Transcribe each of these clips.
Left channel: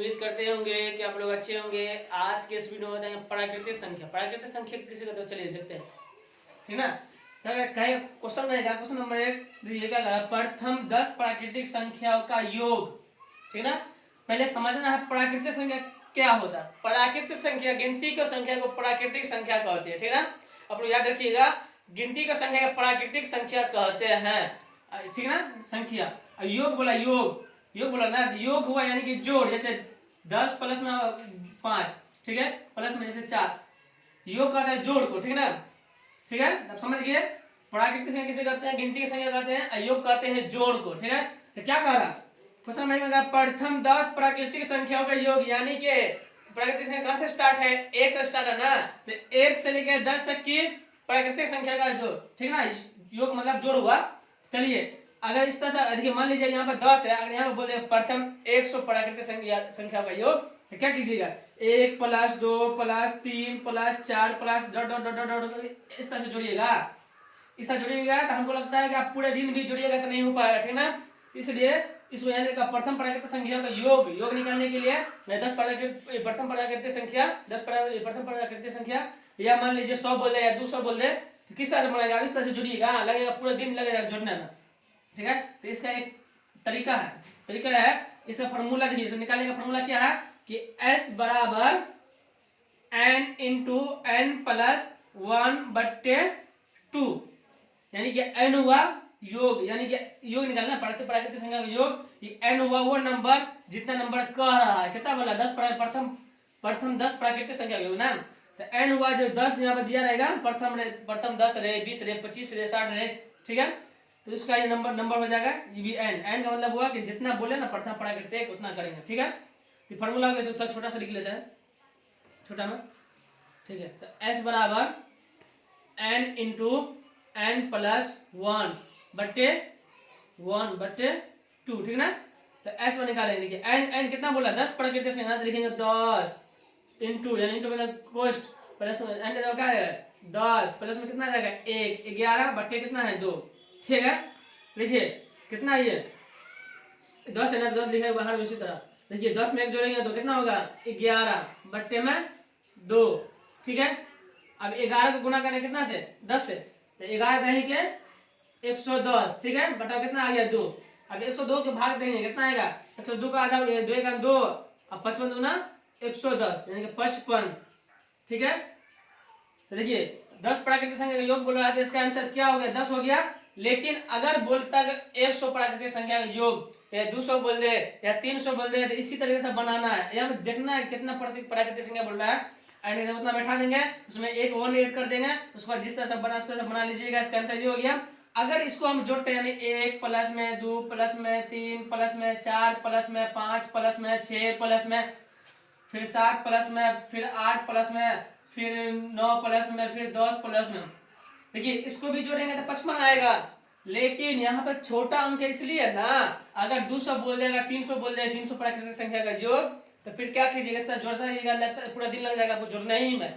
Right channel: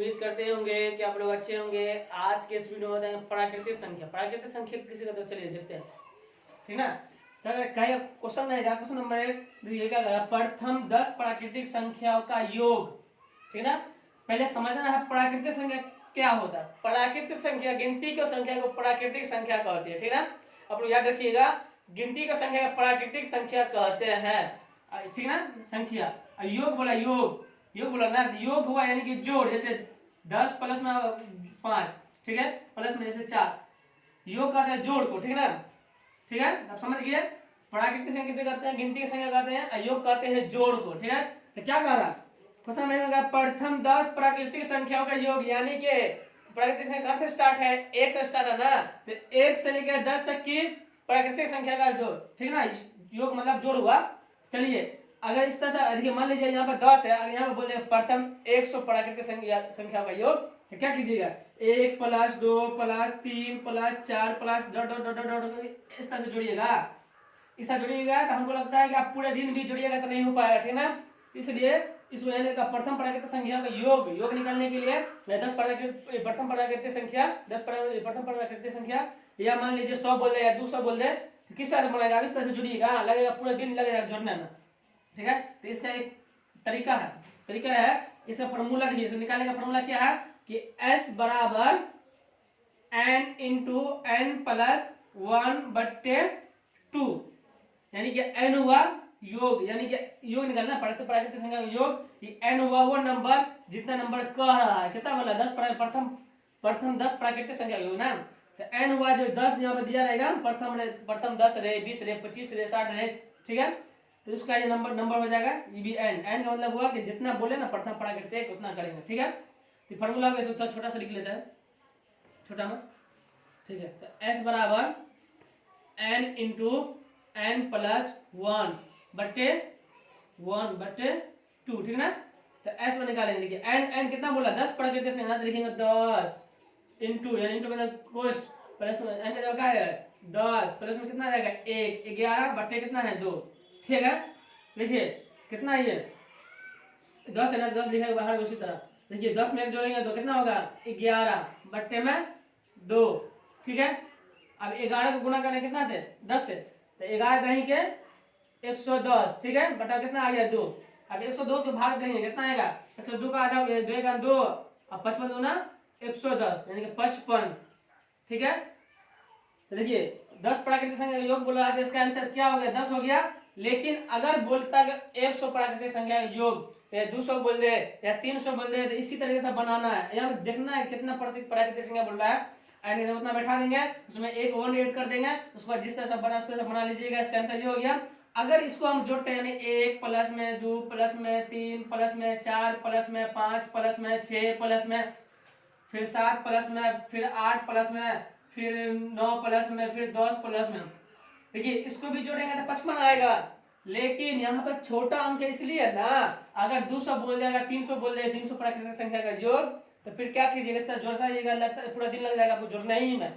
उम्मीद करते होंगे कि आप लोग अच्छे होंगे। आज के इस वीडियो में बताएंगे प्राकृतिक संख्या। प्राकृतिक संख्या किसी का, तो चलिए देखते हैं, ठीक ना। कहीं क्वेश्चन रहेगा, क्वेश्चन नंबर 1 देखिए क्या कहा, प्रथम 10 प्राकृतिक संख्याओं का योग, ठीक ना। पहले समझना है प्राकृतिक संख्या क्या होता है। प्राकृतिक संख्या, गिनती की संख्या को प्राकृतिक संख्या कहते हैं, ठीक ना। आप लोग याद रखिएगा, गिनती की संख्या को प्राकृतिक संख्या कहते हैं, ठीक ना। संख्या योग बोला, योग बोला ना, योग हुआ यानी कि जोड़, जैसे 10 प्लस में 5, ठीक है, प्लस में जैसे 4, योग कहते हैं जोड़ को, ठीक ना। ठीक है, अब समझ गए। प्राकृतिक संख्या किसे कहते हैं, गिनती की संख्या कहते हैं, योग कहते हैं जोड़ को, ठीक है। तो क्या कह रहा क्वेश्चन नहीं होगा, प्रथम 10 प्राकृतिक संख्याओं का योग, यानी कि प्राकृतिक संख्या कहां से स्टार्ट है, 1 से स्टार्ट है ना, तो 1 से लेकर 10 तक की प्राकृतिक संख्या का जोड़, ठीक ना, योग मतलब जोड़ हुआ। चलिए अगर इस तरह से देखिए, मान लीजिए यहाँ पे 10 है, अगर यहाँ पे बोल देंगे प्रथम 100 प्राकृतिक संख्या का योग, तो क्या कीजिएगा, 1 plus 2 plus 3 plus 4 plus dot dot dot dot इस तरह से जोड़िएगा। इस तरह जोड़िएगा तो हमको लगता है कि आप पूरे दिन भी जोड़िएगा तो नहीं हो पाएगा, ठीक ना। इसलिए इस यानी का प्रथम प्राकृतिक संख्या का योग निकालने के लिए मैं 10 प्रथम प्राकृतिक संख्या 10 प्रथम प्राकृतिक संख्या, या मान लीजिए 100 बोल दे या 200 बोल दे, तो किस तरह से बनाएगा, इस तरह से जुड़िएगा, लगेगा पूरा दिन लगेगा जोड़ने में, ठीक है। तो इसका एक तरीका है, इसका फॉर्मूला देखिए, इसे निकालने का फॉर्मूला क्या है कि s बराबर n इंटू n प्लस 1/2, यानी कि n हुआ योग, यानी कि योग निकालना प्राकृतिक संख्या का योग, ये n हुआ वो नंबर जितना नंबर कह रहा है, कितना बोला 10 प्रथम 10 प्राकृतिक संख्या का योग ना। तो n हुआ जो 10 यहाँ पे दिया रहेगा, प्रथम 10 रहे, 20 रहे, 25 रहे, 60 रहे, ठीक है। तो इसका ये नंबर हो जाएगा, ये भी n का मतलब हुआ कि जितना बोले ना प्रथम प्राकृतिक उतना करेंगे, ठीक है। तो फॉर्मूला थोड़ा छोटा सा लिख लेते हैं, छोटा में, ठीक है। तो s बराबर n इंटू n प्लस 1/2, ठीक ना। तो s को निकालेंगे, देखिए n कितना बोला, 10 प्राकृतिक संख्या, लिखेंगे 10 इंटू, यानी इंटू मतलब कोष्ट, प्लस में n क्या है 10, प्लस में कितना रहेगा 1, 11 बट्टे कितना है 2, ठीक है। देखिए कितना ये 10 है ना, 10 लिखा है बाहर, उसी तरह देखिए 10 में 1 जोड़ेंगे तो कितना होगा 11 बट्टे में 2, ठीक है। अब 11 को गुना करना कितना से 10 से, तो 11 कहीं के 110, ठीक है, बटा कितना आ गया 2। अब 102 के भाग देंगे कितना आएगा, 102 का आधा 2 का 2, अब 55 दूना 110 यानी कि 55, ठीक है। तो देखिए 10 प्राकृतिक संख्या का योग बोल रहा है, इसका आंसर क्या हो गया 10 हो गया। लेकिन अगर बोलता 100 प्राकृतिक संख्या का योग या 200 बोल दे या 300 बोल दे, तो इसी तरीके से बनाना है, यहाँ देखना है कितना प्राकृतिक संख्या बोल रहा है, उतना बैठा देंगे, उसमें एक 1 ऐड कर देंगे, उसके बाद जिस तरह से बना उस तरह से बना लीजिएगा। इसका आंसर ये हो गया। अगर इसको हम जोड़ते हैं यानी 1 प्लस में 2 प्लस में 3 प्लस में 4 प्लस में 5 प्लस में 6 प्लस में फिर 7 प्लस में फिर 8 प्लस में फिर 9 प्लस में फिर 10 प्लस में, देखिए इसको भी जोड़ेंगे तो 55 आएगा। लेकिन यहाँ पर छोटा अंक इसलिए ना, अगर 200 बोल देगा 300 बोल देगा 300 प्राकृतिक संख्या का जोड़, तो फिर क्या कीजिएगा, इस तरह जोड़ता रहिएगा, पूरा दिन लग जाएगा आपको जोड़ना ही में,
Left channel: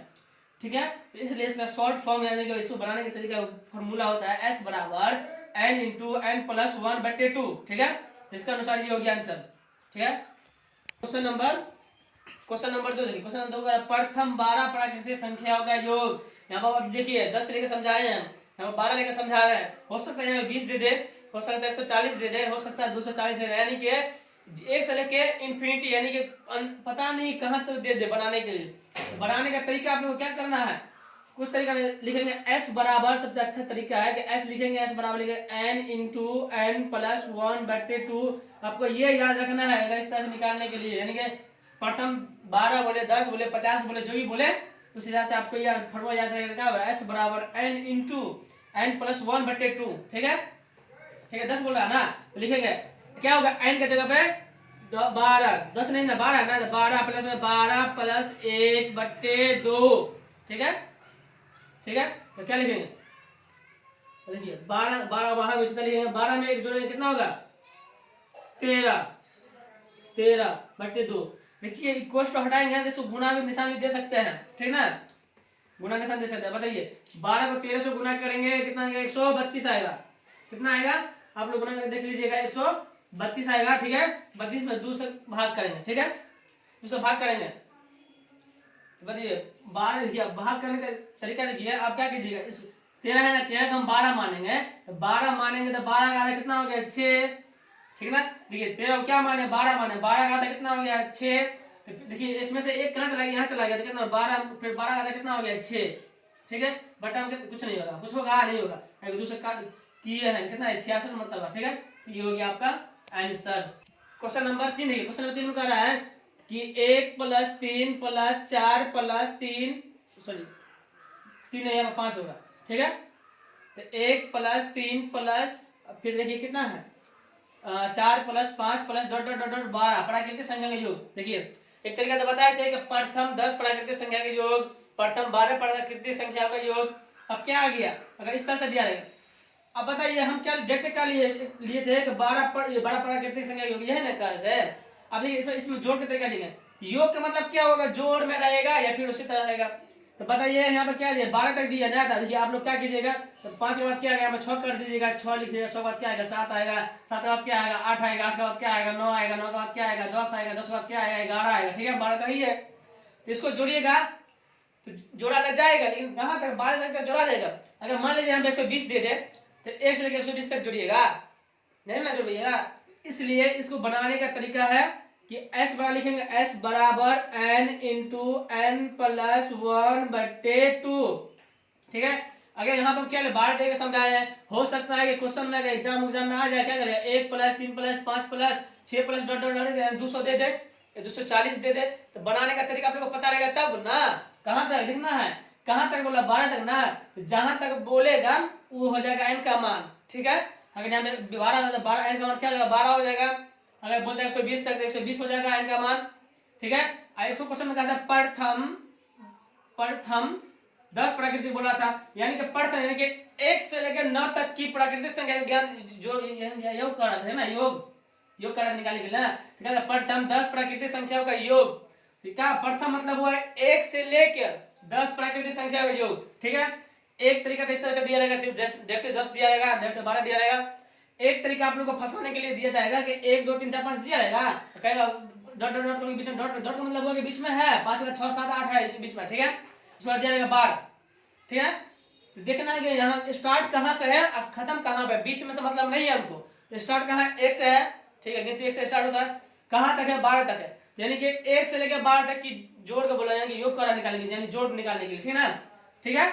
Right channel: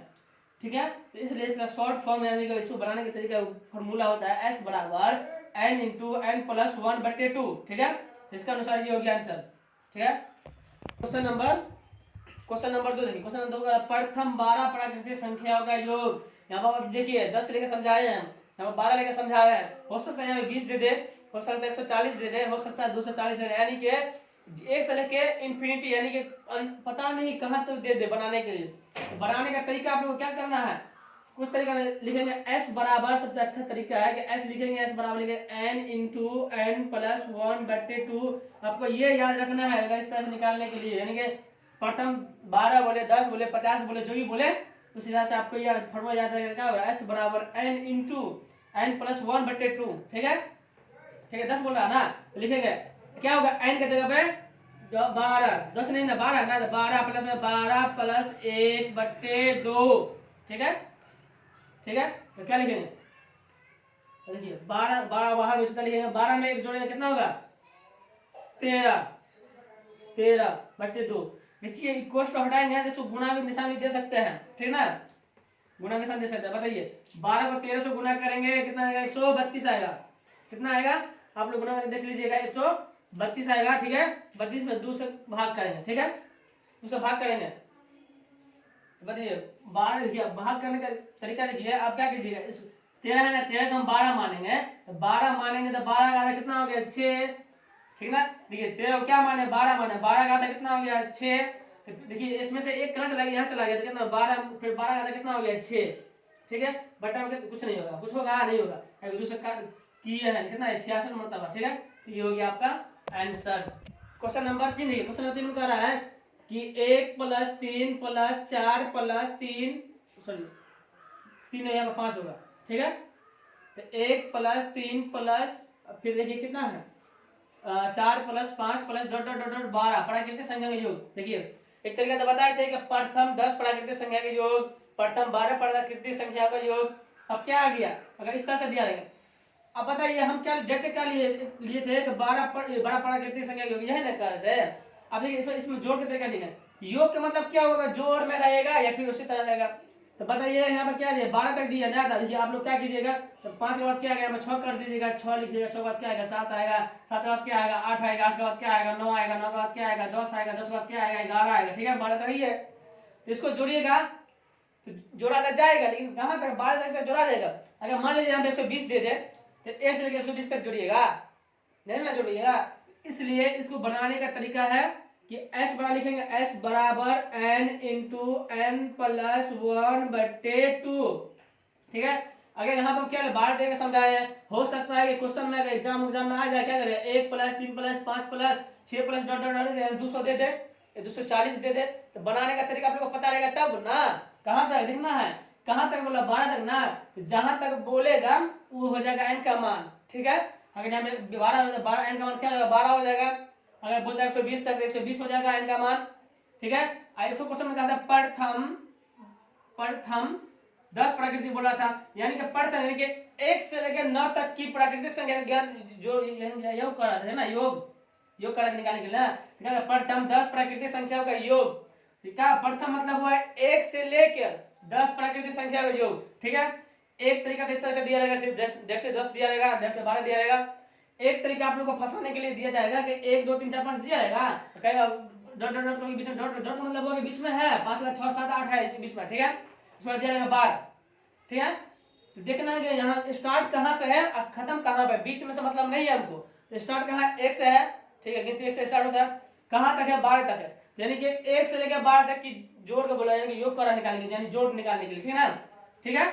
ठीक है। तो इसलिए इसका शॉर्ट फॉर्म यानी कि इसको बनाने का तरीका फॉर्मूला होता है s बराबर n इंटू n प्लस 1/2, ठीक है। तो इसका अनुसार ये हो गया आंसर, ठीक है। क्वेश्चन नंबर 2 देखिए, क्वेश्चन नंबर 2 का प्रथम 12 प्राकृतिक संख्याओं का योग, यहाँ पर आप देखिए 10 लेकर समझाए हैं, यहाँ पर 12 लेकर समझा रहे हैं, हो सकता है यहाँ पे 20 दे दे, हो सकता है 140 दे दे, हो सकता है 240 दे दे, यानी कि 1 से लेके इन्फिनिटी, यानी कि पता नहीं कहाँ तक दे दे बनाने के लिए। तो बनाने का तरीका आप लोग को क्या करना है, कुछ तरीका लिखेंगे s बराबर, सबसे अच्छा तरीका है कि s लिखेंगे, s बराबर लिखेंगे n इंटू n प्लस 1/2। आपको ये याद रखना है अगर इस तरह से निकालने के लिए, यानी कि प्रथम 12 बोले 10 बोले 50 बोले जो भी बोले उस हिसाब से आपको यह फॉर्मूला याद रहेगा, क्या होगा s बराबर n इंटू n प्लस 1/2, ठीक है। 10 बोल रहा है ना, तो लिखेंगे क्या होगा, n की जगह पे 12, 10 नहीं ना 12 ना, 12 प्लस में 12 प्लस 1/2, ठीक है। तो क्या लिखेंगे, देखिए 12 बाहर में लिखेंगे, 12 में 1 जोड़ेंगे कितना होगा 13/2। देखिए इक्वल टू हटाएंगे तो इसको गुणा भी निशान भी दे सकते हैं, ठीक ना, गुणा निशान दे सकते हैं। बताइए 12 को 13 से गुणा करेंगे कितना आएगा, 132 आएगा, कितना आएगा आप लोग गुणा करके देख लीजिएगा, 132 आएगा, ठीक है। 32 में 2 से भाग करेंगे, ठीक है। उससे भाग करेंगे। बताइए 12, देखिए भाग करने का तरीका देखिए, आप क्या कीजिएगा, इस 13 है ना, 13 को हम 12 मानेंगे, तो 12 मानेंगे तो 12 का आधा कितना हो गया 6, ठीक ना। देखिए 13 को क्या माने 12 माने, 12 का आधा कितना हो गया 6। तो देखिए इसमें से एक कहाँ चला गया, यहाँ चला गया, तो कितना 12, फिर 12 का आधा कितना हो गया 6, ठीक है। बटा में कुछ नहीं होगा, कुछ होगा नहीं होगा, एक दूसरे का किए हैं कितना है 66 मरतबा, ठीक है। तो ये हो गया आपका आंसर। क्वेश्चन नंबर 3 देखिए, क्वेश्चन नंबर 3 में कह रहा है कि 1 + 3 + 4 + 3, सॉरी 3 नहीं, यहाँ पर 5 होगा, ठीक है। तो 1 + 3 + फिर देखिए कितना है 4 + 5 + डॉट डॉट डॉट डॉट 12 प्राकृतिक संख्या का योग। देखिए एक तरीका तो बताए थे कि प्रथम 10 प्राकृतिक संख्या का योग, प्रथम 12 प्राकृतिक संख्या का योग। अब क्या आ गया, अगर इस तरह से दिया रहेगा, अब बताइए हम क्या देख के क्या लिए थे कि 12 प्राकृतिक संख्या योग, यही ना कर रहे। अब देखिए इसमें जोड़ के तरीका देंगे, योग का मतलब क्या होगा, जोड़ में रहेगा या फिर उसी तरह रहेगा। तो बताइए यहाँ पर क्या दिया 12 तक दिया नया था। देखिए आप लोग क्या कीजिएगा, तो 5 के बाद क्या आएगा, 6 कर दीजिएगा, 6 लिखिएगा, 6 के बाद क्या आएगा 7 आएगा, 7 के बाद क्या आएगा 8 आएगा, 8 के बाद क्या आएगा 9 आएगा, 9 के बाद क्या आएगा 10 आएगा, 10 के बाद क्या आएगा 11 आएगा, ठीक है। 12 तक ही है, तो इसको जोड़िएगा तो जोड़ा तो जाएगा, लेकिन कहाँ तक 12 तक जोड़ा जाएगा। अगर मान लीजिए हम 120 दे दे तो 1 से लेकर 120 तक जोड़िएगा, नहीं ना जोड़िएगा। इसलिए इसको बनाने का तरीका है कि s बराबर लिखेंगे, s बराबर n × n + 1/2, ठीक है। अगर यहाँ पर क्या 12 देकर समझाया है, हो सकता है कि क्वेश्चन में एग्जाम में आ जाए, क्या करेगा 1 + 3 + 5 + 6 + डॉट डॉट डॉट 200 दे दे, 240 दे दे। तो बनाने का तरीका आप लोग को पता रहेगा तब ना, कहाँ तक लिखना है, कहाँ तक बोला 12 तक ना, तो जहां तक बोलेगा वो हो जाएगा n का मान, ठीक है। अगर यहाँ में 12 तो 12 n का मान क्या हो जाएगा 12 हो जाएगा। अगर बोलता है 120 तक, 120 हो जाएगा n का मान, ठीक है। 100 क्वेश्चन में कहा था प्रथम 10 प्राकृतिक बोला था, यानी कि प्रथम यानी कि 1 से लेकर 9 तक की प्राकृतिक संख्या का ज्ञान जो योग कर रहा था ना, योग कर निकालने के लिए, ठीक है। प्रथम 10 प्राकृतिक संख्याओं का योग, ठीक है। प्रथम मतलब हुआ 1 से लेकर 10 प्राकृतिक संख्या का योग, ठीक है। एक तरीका इस तरह से दिया रहेगा, सिर्फ डेप्थ 10 दिया रहेगा, डेप्थ 12 दिया रहेगा। एक तरीका आप लोग को फंसाने के लिए दिया जाएगा कि 1 2 3 4 5 दिया रहेगा, कहेगा डॉट डॉट डॉट के बीच में, डॉट डॉट मतलब हुआ कि बीच में है 5 6 7 8 है इस बीच में, ठीक है। उसमें दिया रहेगा 12, ठीक है। तो देखना है कि यहाँ स्टार्ट कहाँ से है और खत्म कहाँ पे, बीच में से मतलब नहीं है हमको। तो स्टार्ट कहाँ 1 से है, ठीक है, गिनती 1 से स्टार्ट होता है, कहाँ तक है 12 तक है, यानी कि 1 से लेकर 12 तक की जोड़ के बोला, यानी योग करा निकालने के लिए, यानी जोड़ निकालने के लिए, ठीक है ना, ठीक है।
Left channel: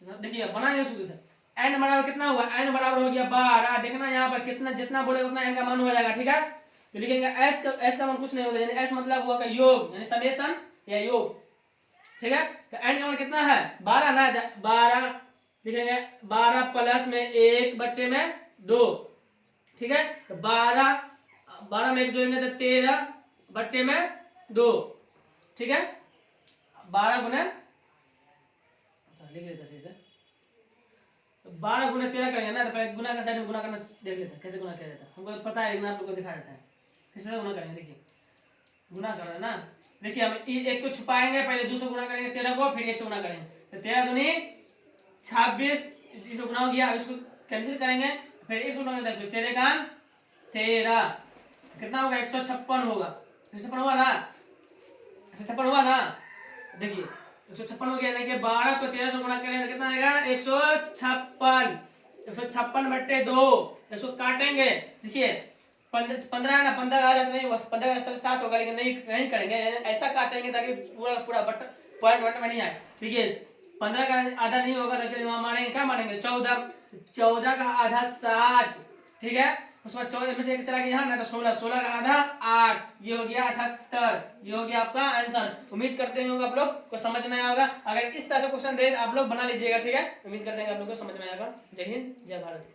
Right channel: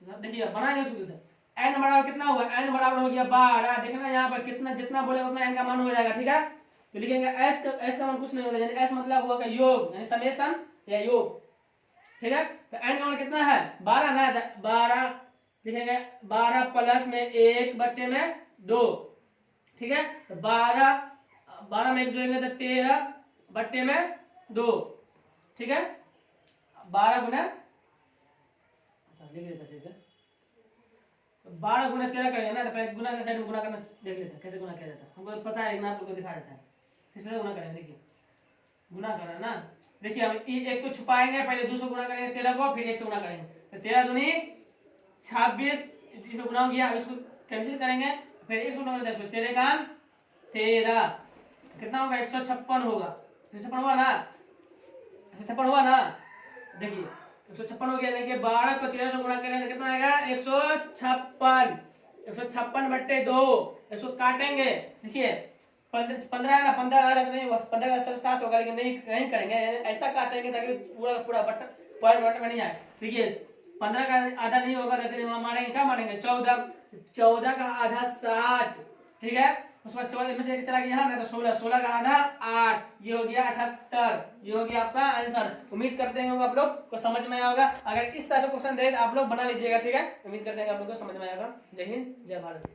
तो देखिए बनाएंगे शुरू से, n बराबर कितना हुआ, n बराबर हो गया 12। देखना यहाँ पर कितना जितना बोलेगा उतना n का मान हो जाएगा, ठीक है। तो लिखेंगे s का मान कुछ नहीं होता, यानी s मतलब हुआ का योग, यानी समेशन या योग, ठीक है। तो n का मान कितना है 12 ना, 12 लिखेंगे, 12 प्लस में 1/2, ठीक है। तो 12 में 1 जोड़ेंगे तो 13/2, ठीक है। 12 गुना, लिख लेते हैं, 12 गुना 13 करेंगे ना, तो पहले गुना का साइड में गुना करना देख लेते हैं कैसे गुना किया जाता है, हमको पता है लेकिन आप लोगों को दिखा देता है किस तरह गुना करेंगे। देखिए गुना करना ना, देखिए हम 1 को छुपाएंगे, पहले 200 गुना करेंगे 13 को, फिर 1 से गुना करेंगे, तो 13 दूनी 26, इसको गुना हो गया। अब इसको कैंसिल करेंगे, फिर 1 से गुना करेंगे, फिर 13 का 13 कितना होगा 156 होगा, 156 हुआ ना, 156 हुआ ना। देखिए 156 हो गया, देखिए 12 को 13 से गुणा करेंगे तो कितना आएगा 156, 156/2, इसको काटेंगे। देखिए 15 है ना, 15 का नहीं होगा, 15 का 7 होगा, लेकिन नहीं करेंगे, ऐसा काटेंगे ताकि पूरा पूरा बटन पॉइंट में नहीं आए। देखिए 15 का आधा नहीं होगा तो मारेंगे, क्या मारेंगे 14, 14 का आधा 7, ठीक है। उसके बाद 14 में से 1 चला गया यहाँ ना, तो 16, 16 का आधा 8, ये हो गया 78, ये हो गया आपका आंसर। उम्मीद करते हैं आप लोग को समझ में आएगा। अगर इस तरह से क्वेश्चन दे आप लोग बना लीजिएगा, ठीक है। उम्मीद करते हैं आप लोग को समझ में आएगा। जय हिंद, जय भारत।